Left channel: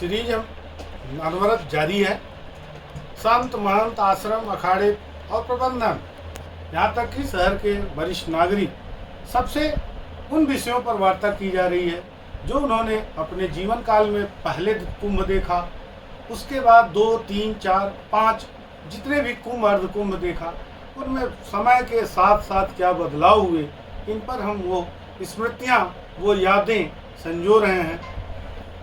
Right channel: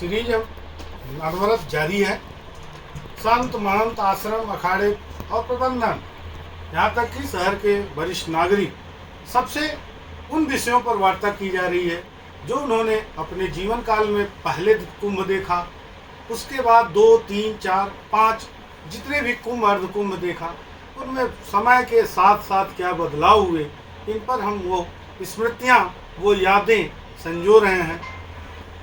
Series अनवरत जारी है। संत महंत आश्रम अखाड़े और प्रबंधन, यहाँ तक कि शहर के वरिष्ठ नागरिक, सबसे उन विषयों पर वार्ता की जा रही है जो उन्होंने अपने जीवन काल में पहले कुंभ देखा, उसके बाद 2, 3, 4, 5 जितने भी कुंभ अर्ध कुंभ देखा, उनमें समय के साथ साथ क्या बदलाव हुए, इन पर हम वो स्मृतियाँ, वो यादें संजो रहे हैं।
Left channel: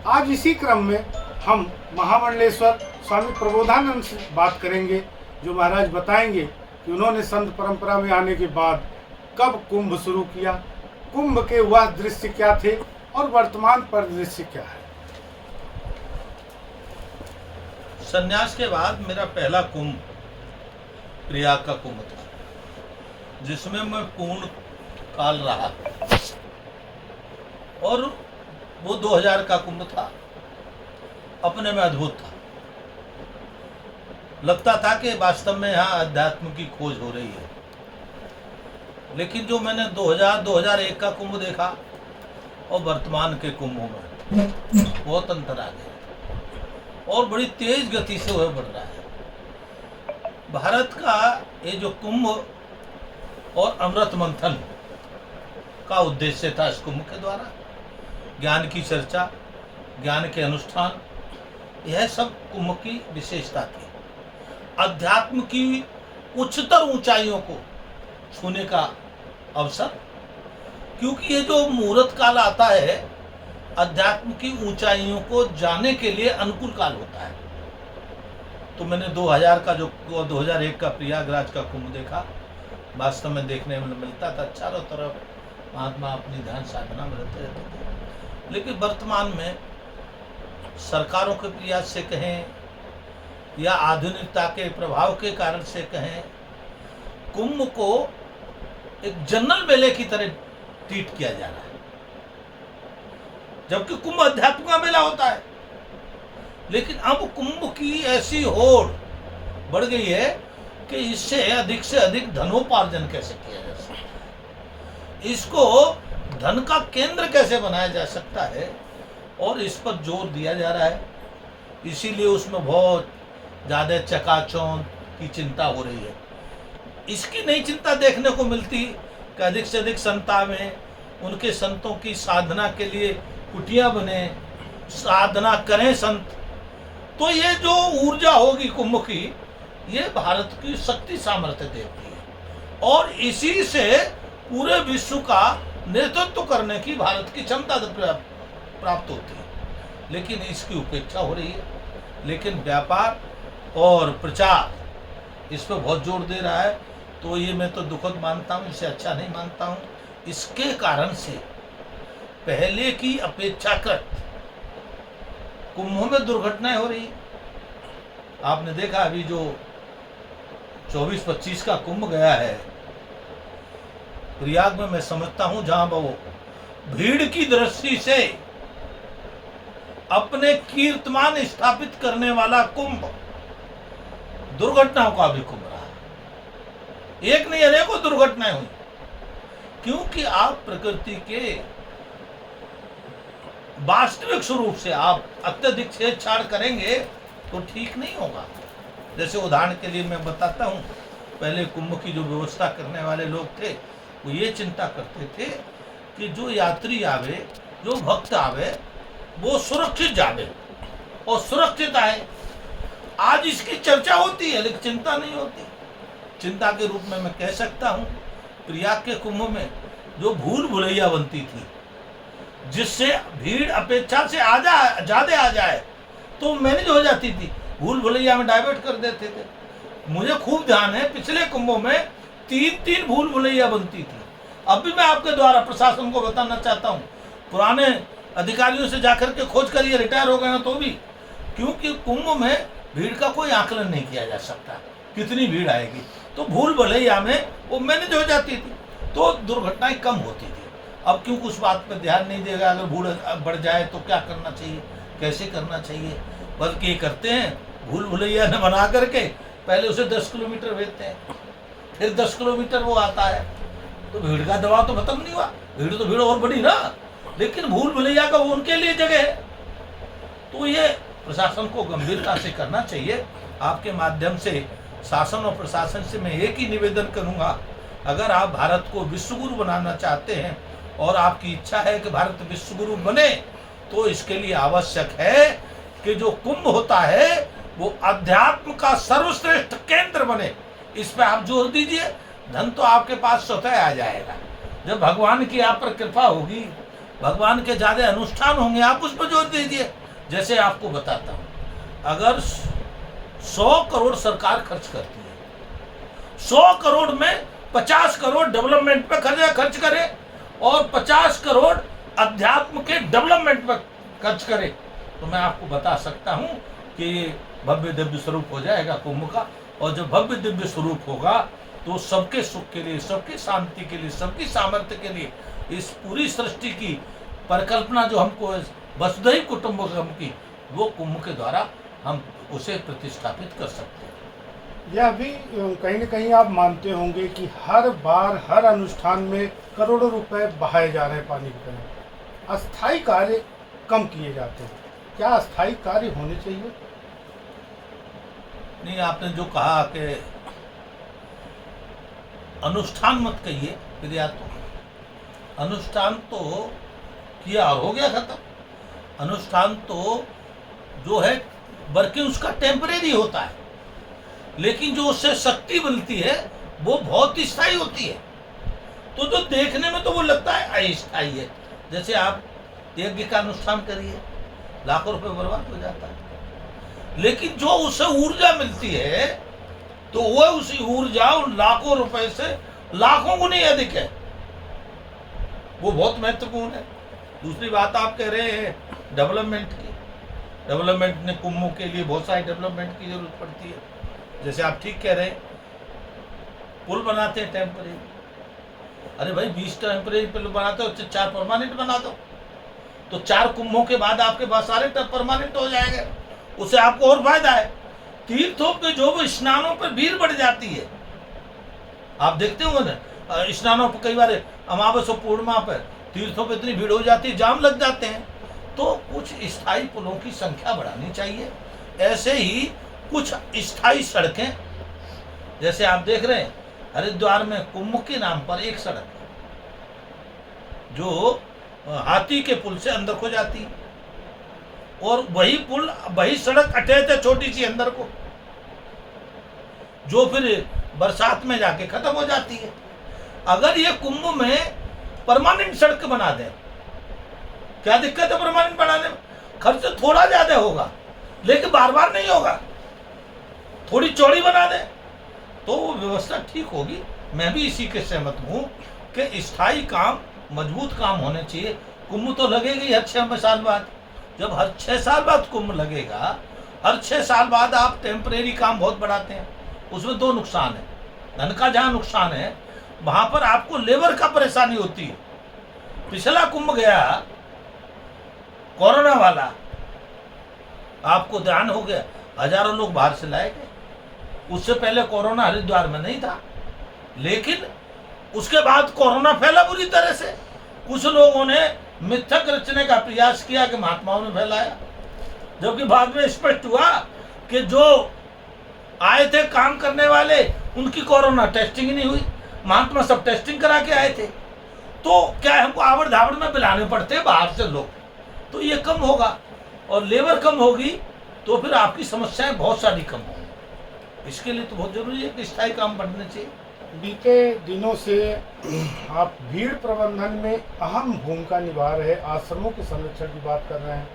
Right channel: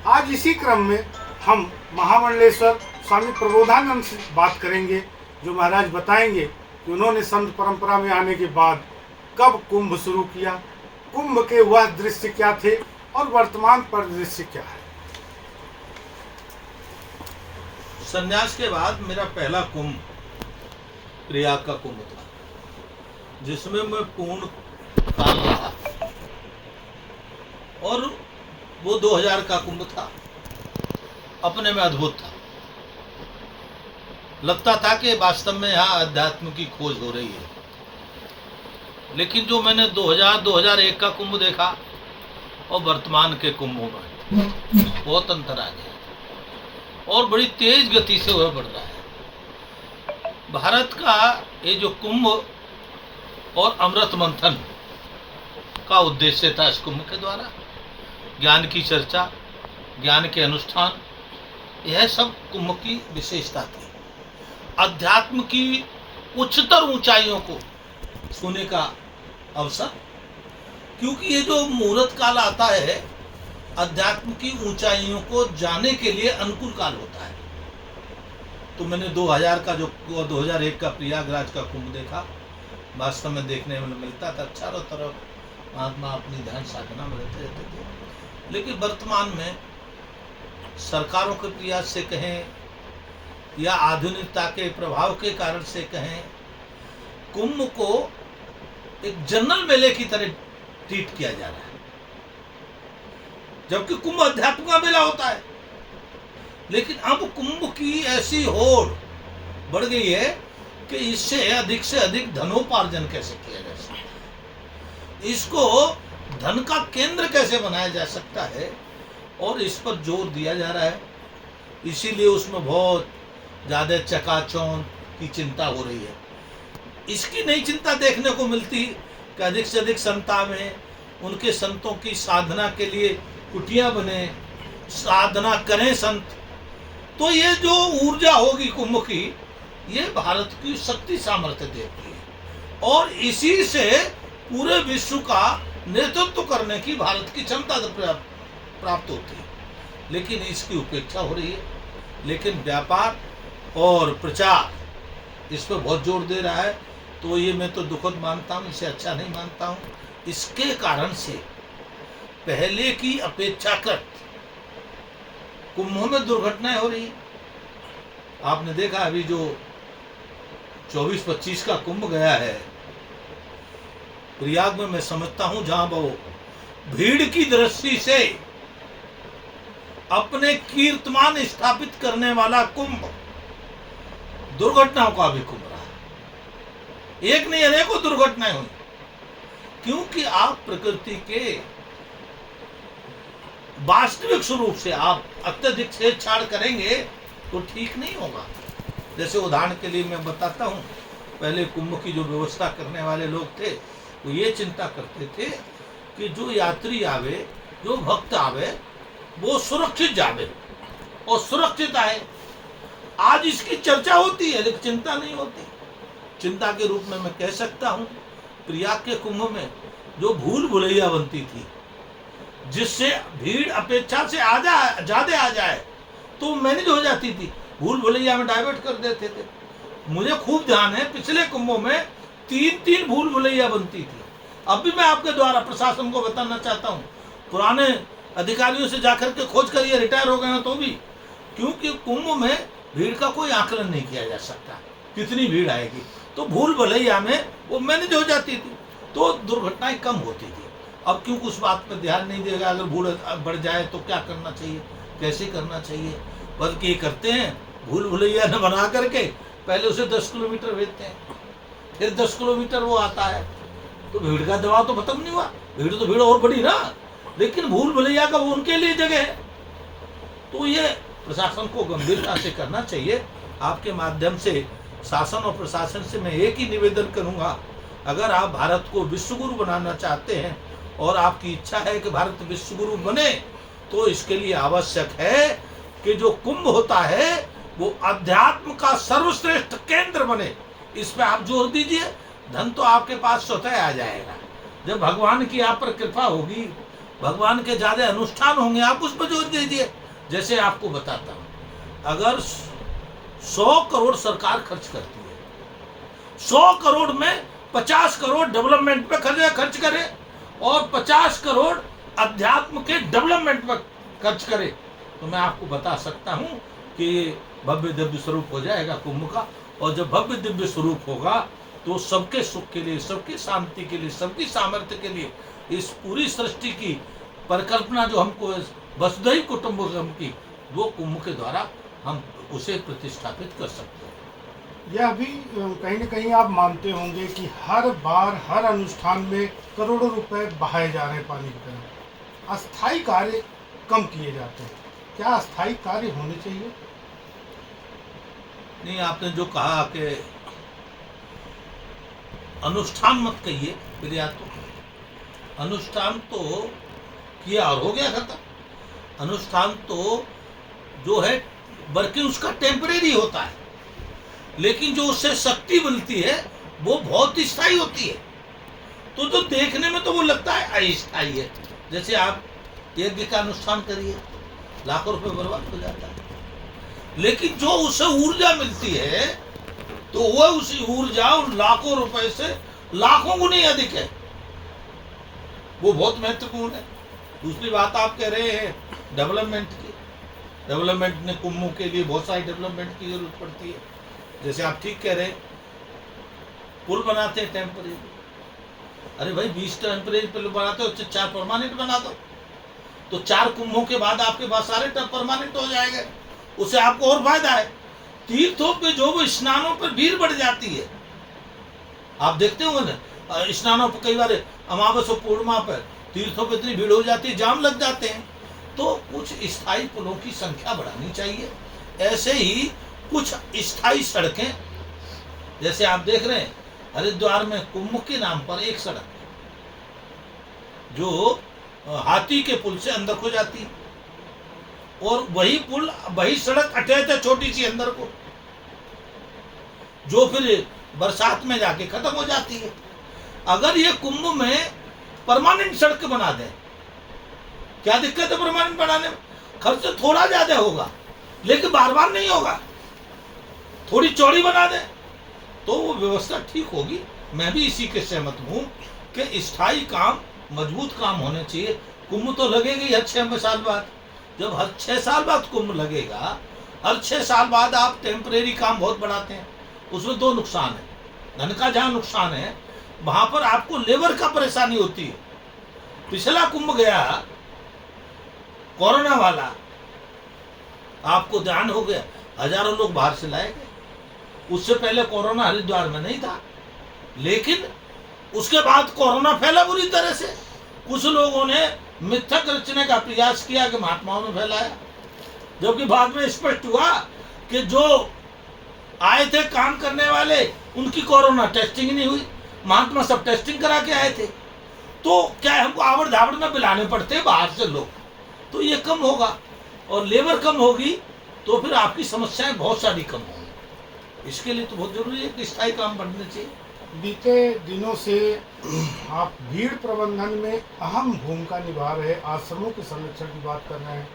आज इसी क्रम में हम महामंडलेश्वर स्वामी प्रबोधानंद से बात करेंगे, जो महाराज बताएंगे कि उन्होंने संत परंपरा में आने के बाद कब कुंभ शुरू किया, कुंभ के वह दृश्य क्या थे और वर्तमान परिदृश्य क्या है। संन्यास के बाद मेरा पहला कुंभ प्रयाग का कुंभ था, जिसमें मैं पूर्ण काल रहा और वो 2000 का कुंभ था। अपने में अद्भुत था। लगता था कि वास्तव में यहाँ अध्यात्म की खोज हो रही है। लेकिन जो मैंने 2001 का कुंभ देखा और वर्तमान के कुंभों में बहुत अंतर आ गया और बड़ी तेज गति से वह बढ़ रहा है। भारत का ये जो कुंभ और अमृत मंथन का उद्देश्य था, इस कुंभ के द्वारा ज्ञान की चर्चा, ज्ञान के अनुष्ठान, यह सब कुंभ की विशेषता थी। अध्यात्म की उच्चतर ऊंचाइयों को छूने का अवसर, क्योंकि ये जो मुहूर्त काल आता है अध्यात्म की ऊंचाइयों को जाने के लिए अनुकूल काल होता है। तो मैंने 2001 का प्रयागराज का कुंभ देखा। वास्तव में देखने में मिलता था चारों तरफ महात्मा अपनी ध्यान साधना में रहते थे। लेकिन वर्तमान में सरकारों के प्रयास से कहें या आधुनिकता के प्रभाव के कारण से कहें, कुंभ को एक जनरल मेले की तरह ट्रीट किया जा रहा है, जबकि कुंभ अध्यात्म का मेला होता है। लेकिन अब कुंभ की ऐसी होड़ बढ़ गई है कि इससे अधिक धनोपार्जन कैसे किया जा सकता है, इसको धन का केंद्र कैसे बनाया जा सकता है, और इस पर जोर दिया जा रहा है। इसीलिए उसमें बहुत ज़्यादा चकाचौंध की चिंता हो रही है। इसकी नई चिंता देखने को मिलती कि अधिक से अधिक संत आवे, उनके संतों की साधना के लिए कुटिया बने, साधना करें संत। तो ये जो ऊर्जा होगी कुंभ की, ये भारत की शक्ति सामर्थ्य देती है और इसी से पूरे विश्व का नेतृत्व करने की भारत की क्षमता प्राप्त होती है। लेकिन इसकी उपेक्षा हो रही है। लेकिन व्यापार और प्रचार इस पर बहुत जोर दे रहा है। तो ये मैं तो दुखद मानता हूँ, इसे अच्छा नहीं मानता हूँ। इसके कारण से पहले की अपेक्षाकृत कुंभों में दुर्घटनाएं हो रही। आपने देखा अभी जो 24-25 का कुंभ गया है प्रयाग में, मैं समझता हूं जहां वो भीड़ की दृष्टि से अपने कीर्तमान स्थापित करने वाला कुंभ दुर्घटनाओं का भी कुंभ रहा। एक नहीं अनेकों दुर्घटनाएं हुई, क्योंकि आप प्रकृति के वास्तविक स्वरूप से आप अत्यधिक छेड़छाड़ करेंगे तो ठीक नहीं होगा। जैसे उदाहरण के लिए मैं बताता हूं, पहले कुंभ की जो व्यवस्था करने वाले लोग थे वो ये चिंता करते थे कि जो यात्री आवे, जो भक्त आवे, वो सुरक्षित जावे और सुरक्षित आए। आज इसकी चर्चा होती है लेकिन चिंता नहीं होती। चिंता के रूप में मैं कह सकता हूं, प्रयाग के कुंभ में जो भूल भुलैया बनती थी, जिससे भीड़ अपेक्षा से ज्यादा आ जाए तो मैनेज हो जाती थी, भूल भुलैया में डाइवर्ट कर देते थे। मुझे खूब ध्यान है पिछले कुंभों में 3 भूल भुलैया बनती थी। अब भी मैं आपके द्वारा प्रशासन को बताना चाहता हूँ, पुराने अधिकारियों से जाकर के खोज करिए, रिटायर हो गए हैं तो भी, क्योंकि कुंभ में भीड़ का कोई आकलन नहीं किया जा सकता कितनी भीड़ आएगी। तो भूल भुलैया में वो मैनेज हो जाती थी, तो दुर्घटनाएं कम होती थी। अब क्यों उस बात पर ध्यान नहीं देगा, अगर भूल बढ़ जाए तो क्या करना चाहिए, कैसे करना चाहिए, बल्कि ये करते हैं भूल भुलैया न बना करके पहले उसे 10 किलोमीटर भेजते हैं, फिर 10 किलोमीटर वो आता है, तो भीड़ का दबाव तो खत्म नहीं हुआ, भीड़ तो भीड़ और बड़ी ना, लेकिन भूल भुलैया का वो उनके लिए जगह है। तो ये प्रशासन को गंभीरता से करना चाहिए। आपके माध्यम से शासन और प्रशासन से मैं एक ही निवेदन करूंगा, अगर आप भारत को विश्वगुरु बनाना चाहते हैं और आपकी इच्छा है कि भारत विश्वगुरु बने, तो इसके लिए आवश्यक है कि जो कुंभ होता है वो अध्यात्म का सर्वश्रेष्ठ केंद्र बने। इस पे आप जोर दीजिए, धन तो आपके पास स्वतः आ जाएगा। जब भगवान की आप पर कृपा होगी, भगवान के ज्यादा अनुष्ठान होंगे, आप उस पर जोर दीजिए। जैसे आपको बताता हूं, अगर 100 करोड़ सरकार खर्च करती है, 100 करोड़ में 50 करोड़ डेवलपमेंट पे खर्च करे और 50 करोड़ अध्यात्म के डेवलपमेंट पे खर्च करे, तो मैं आपको बता सकता हूं कि ये भव्य दिव्य स्वरूप हो जाएगा कुंभ का। और जब भव्य दिव्य स्वरूप होगा तो सबके सुख के लिए, सबकी शांति के लिए, सबकी सामर्थ्य के लिए, इस पूरी सृष्टि की परिकल्पना जो हमको वसुधैव कुटुंबकम की, वो कुंभ के द्वारा हम उसे प्रतिष्ठापित कर सकते हैं। यह भी कहीं न कहीं आप मानते होंगे कि हर बार हर अनुष्ठान में करोड़ों रुपए बहाए जा रहे हैं पानी की तरह, अस्थायी कार्य कम किए जाते हैं। क्या अस्थायी कार्य होने चाहिए? नहीं, आपने जो कहा कि अनुष्ठान मत कहिए, फिर या तो अनुष्ठान तो किया और हो गया खत्म। अनुष्ठान तो जो है वर्किंग उसका टेम्परेरी होता है, लेकिन जो उससे शक्ति मिलती है वो बहुत स्थायी होती है। तो जो देखने में तो वो लगता है अस्थायी है। जैसे आप यज्ञ का अनुष्ठान करिए, लाखों रुपए बर्बाद हो जाता है, लेकिन जो उससे ऊर्जा मिलती है तो वह उसी ऊर्जा उन लाखों रुपए से लाखों गुनी अधिक है, वो बहुत महत्वपूर्ण है। दूसरी बात आप कह रहे हैं डेवलपमेंट की, डेवलपमेंट ने कुंभों के लिए बहुत सारी डेवलपमेंट की जरूरत पड़ती है। जैसे आप ठीक कह रहे हैं, पुल बनाते हैं टेम्परेरी, अरे भाई 20 टेम्परेरी पुल बनाते हो, 4 परमानेंट बना दो, तो 4 कुंभों के बाद आपके पास सारे परमानेंट हो जाएंगे, उससे आपको और फायदा है। तीर्थों पे जो वो स्नानों पर भीड़ बढ़ जाती है, आप देखते हो ना स्नानों पर, कई बार अमावस और पूर्णिमा पर तीर्थों पर इतनी भीड़ हो जाती है, जाम लग जाते हैं। तो कुछ स्थायी पुलों की संख्या बढ़ानी चाहिए। ऐसे ही कुछ स्थायी सड़कें, जैसे आप देख रहे हैं हरिद्वार में कुंभ के नाम पर एक सड़क जो हाथी के पुल से अंदर को जाती है, और वही पुल, वही सड़क अटैच है छोटी सी अंदर को, जो फिर बरसात में जाके खत्म हो जाती है। अगर ये कुंभ में परमानेंट सड़क बना दें, क्या दिक्कत है परमानेंट बनाने में? खर्च थोड़ा ज्यादा होगा लेकिन बार बार नहीं होगा। थोड़ी चौड़ी बना दें तो वो व्यवस्था ठीक होगी। मैं भी इसी के सहमत हूं कि स्थायी काम, मजबूत काम होने चाहिए। कुंभ तो लगेगा ही हर 6 साल बाद। जब हर 6 साल बाद कुंभ लगेगा, हर 6 साल बाद आप टेम्परेरी काम बहुत बढ़ाते हैं, उसमें 2 नुकसान है। धन का जहां नुकसान है वहां पर आपको लेबर का परेशानी होती है। पिछला कुंभ गया कोरोना वाला, आपको ध्यान हो गया, हजारों लोग बाहर से लाए गए। उससे पहले कोरोना हरिद्वार में नहीं था, लेकिन उसके बाद कोरोना फैला बुरी तरह से। कुछ लोगों ने मिथक रचने का प्रयास किया कि महात्माओं ने फैलाया, जबकि बाद में स्पष्ट हुआ कि जो आए थे काम करने वाले, उनकी कोरोना टेस्टिंग ही नहीं हुई। महात्मा सब टेस्टिंग करा के आए थे। तो क्या है, हमको आवड़ धावड़ में बुलाने पड़ते हैं बाहर से लोग, तो ये कम होगा और लेबर कम होगी, तो फिर आपकी समस्याएं बहुत सारी कम होंगी। इसके लिए तो बहुत जरूरी है कि स्थायी काम बढ़ने चाहिए। बीते दिनों से आप भीड़ प्रबंधन में अहम भूमिका निभा रहे आश्रमों के संरक्षण की बात कर रहे हैं।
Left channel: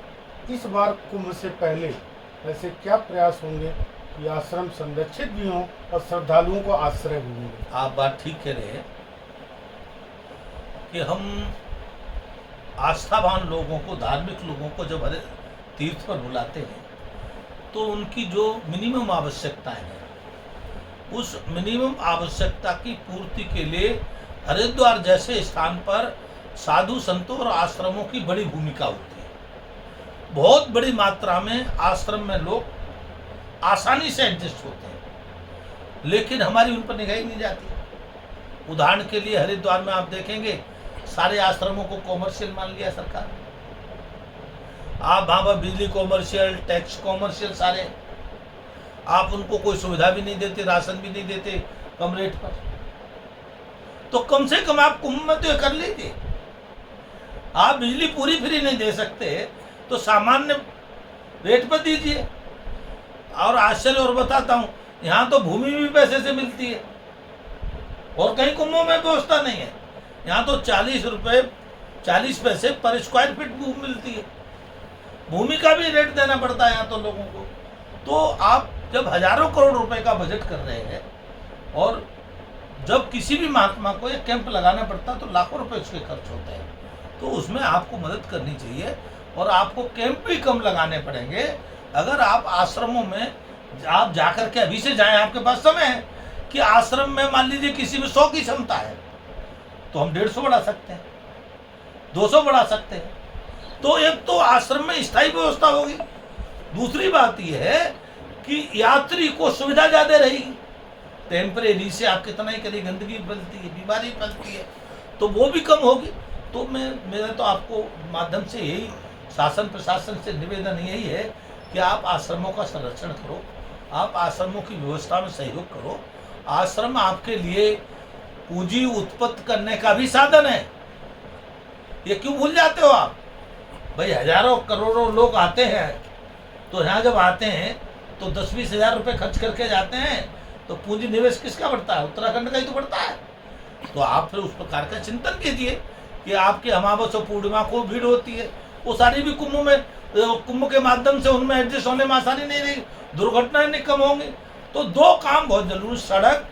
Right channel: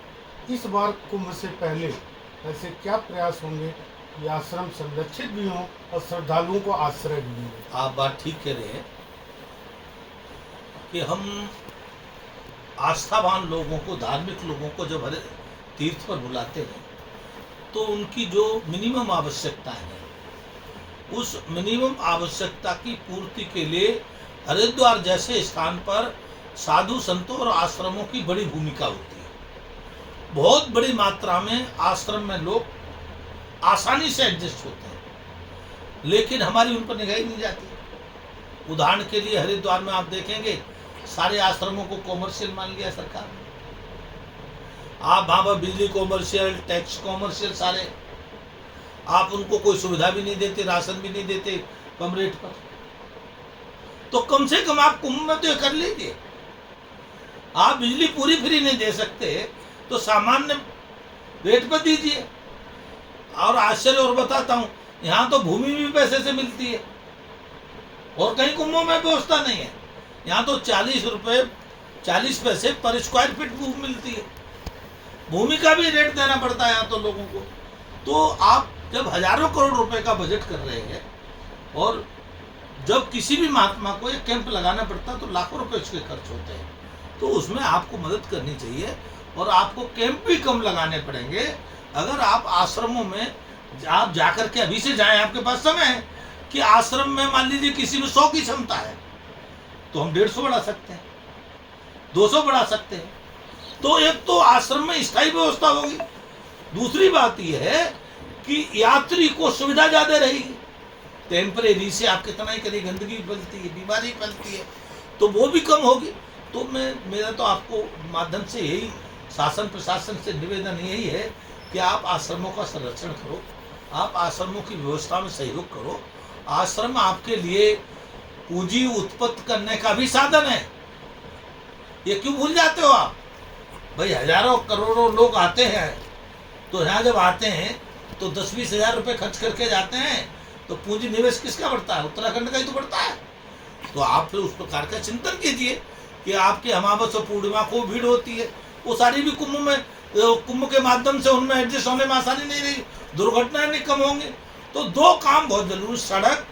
इस बार कुंभ से पहले ऐसे क्या प्रयास होंगे कि आश्रम संरक्षित भी हों और श्रद्धालुओं को आश्रय भी मिले? आप बात ठीक कह रहे हैं कि हम आस्थावान लोगों को, धार्मिक लोगों को जब हर तीर्थ पर बुलाते हैं तो उनकी जो मिनिमम आवश्यकताएं हैं, उस मिनिमम आवश्यकता की पूर्ति के लिए हरिद्वार जैसे स्थान पर साधु संतों और आश्रमों की बड़ी भूमिका होती है। बहुत बड़ी मात्रा में आश्रम में लोग आसानी से एडजस्ट होते हैं, लेकिन हमारी उन पर निगाह ही नहीं जाती। उदाहरण के लिए हरिद्वार में आप देखेंगे सारे आश्रमों को कॉमर्शियल मान लिया सरकार। आप वहाँ पर बिजली कॉमर्शियल, टैक्स कॉमर्शियल सारे, आप उनको कोई सुविधा भी नहीं देते, राशन भी नहीं देते कम रेट पर। तो कम से कम आप कुंभ में तो ये कर लीजिए। आप बिजली पूरी फ्री नहीं दे सकते तो सामान्य रेट पर दीजिए। और आश्चर्य और बताता हूँ, यहाँ तो भूमि भी पैसे से मिलती है और कहीं कुंभों में व्यवस्था नहीं है। यहाँ तो 40 रुपये 40 पैसे पर स्क्वायर फीट भूमि मिलती है। भूमि का भी रेट देना पड़ता है यहाँ तो लोगों को। तो आप जब हजारों करोड़ रुपए का बजट कर रहे हैं और जब किसी भी महात्मा को एक कैंप लगाना पड़ता तो लाखों रुपए उसके खर्च होते हैं, तो उसमें आपको मदद करनी चाहिए। और आपको कैंप भी कम लगाने पड़ेंगे अगर आप आश्रमों में आप जाकर के अभी से जाएं। आपके पास समय है कि आश्रम में मान लीजिए किसी में 100 की क्षमता है तो हम 150 बढ़ा सकते हैं, 200 बढ़ा सकते हैं। तो एक तो आश्रम में स्थायी व्यवस्था होगी। दूसरी बात यह है कि यात्री को सुविधा ज्यादा रहेगी। टेम्परेरी से आप कितना ही करिए, गंदगी फैलती है, बीमारी फैलती है, तो वो भी कम होगी। तो मेरा तो आपको माध्यम से यही शासन प्रशासन से निवेदन यही है कि आप आश्रमों का संरक्षण करो, आप आश्रमों की व्यवस्था में सहयोग करो। आश्रम आपके लिए पूंजी उत्पत्ति करने का भी साधन है। ये क्यों भूल जाते हो आप? भाई हजारों करोड़ों लोग आते हैं, तो यहाँ जब आते हैं तो 10-20 हजार रुपये खर्च करके जाते हैं, तो पूंजी निवेश किसका बढ़ता है? उत्तराखंड का ही तो बढ़ता है। तो आप फिर उस प्रकार का चिंतन कीजिए कि आपके अमावस और पूर्णिमा को भीड़ होती है, वो सारी भी कुंभ के माध्यम से उनमें एडजस्ट होने में आसानी नहीं रही, दुर्घटनाएं नहीं कम होंगी। तो दो काम बहुत जरूरी, सड़क,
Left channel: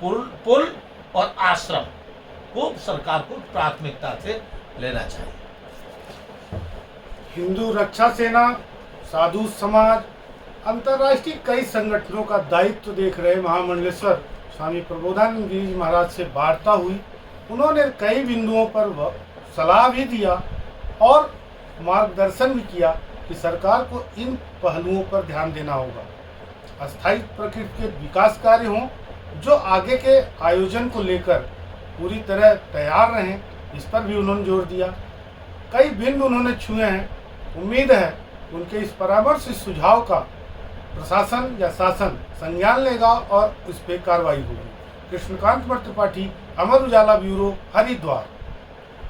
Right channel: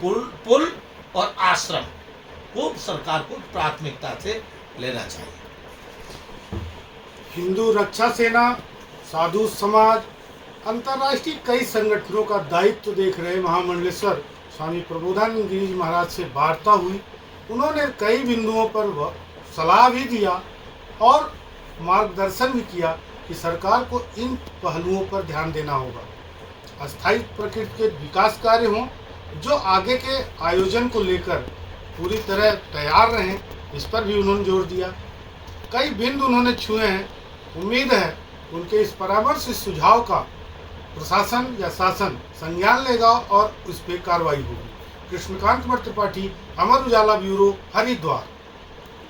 पुल और आश्रम को सरकार को प्राथमिकता से लेना चाहिए। हिंदू रक्षा सेना, साधु समाज, अंतर्राष्ट्रीय कई संगठनों का दायित्व देख रहे महामंडलेश्वर स्वामी प्रबोधानंद गिरी जी महाराज से वार्ता हुई। उन्होंने कई बिंदुओं पर सलाह भी दिया और मार्गदर्शन भी किया कि सरकार को इन पहलुओं पर ध्यान देना होगा। अस्थायी प्रकृति के विकास कार्य हों जो आगे के आयोजन को लेकर पूरी तरह तैयार रहें, इस पर भी उन्होंने जोर दिया। कई बिंदु उन्होंने छुए हैं। उम्मीद है उनके इस परामर्श सुझाव का प्रशासन या शासन संज्ञान लेगा और उस पर कार्रवाई होगी। कृष्णकांत त्रिपाठी, अमर उजाला ब्यूरो, हरिद्वार।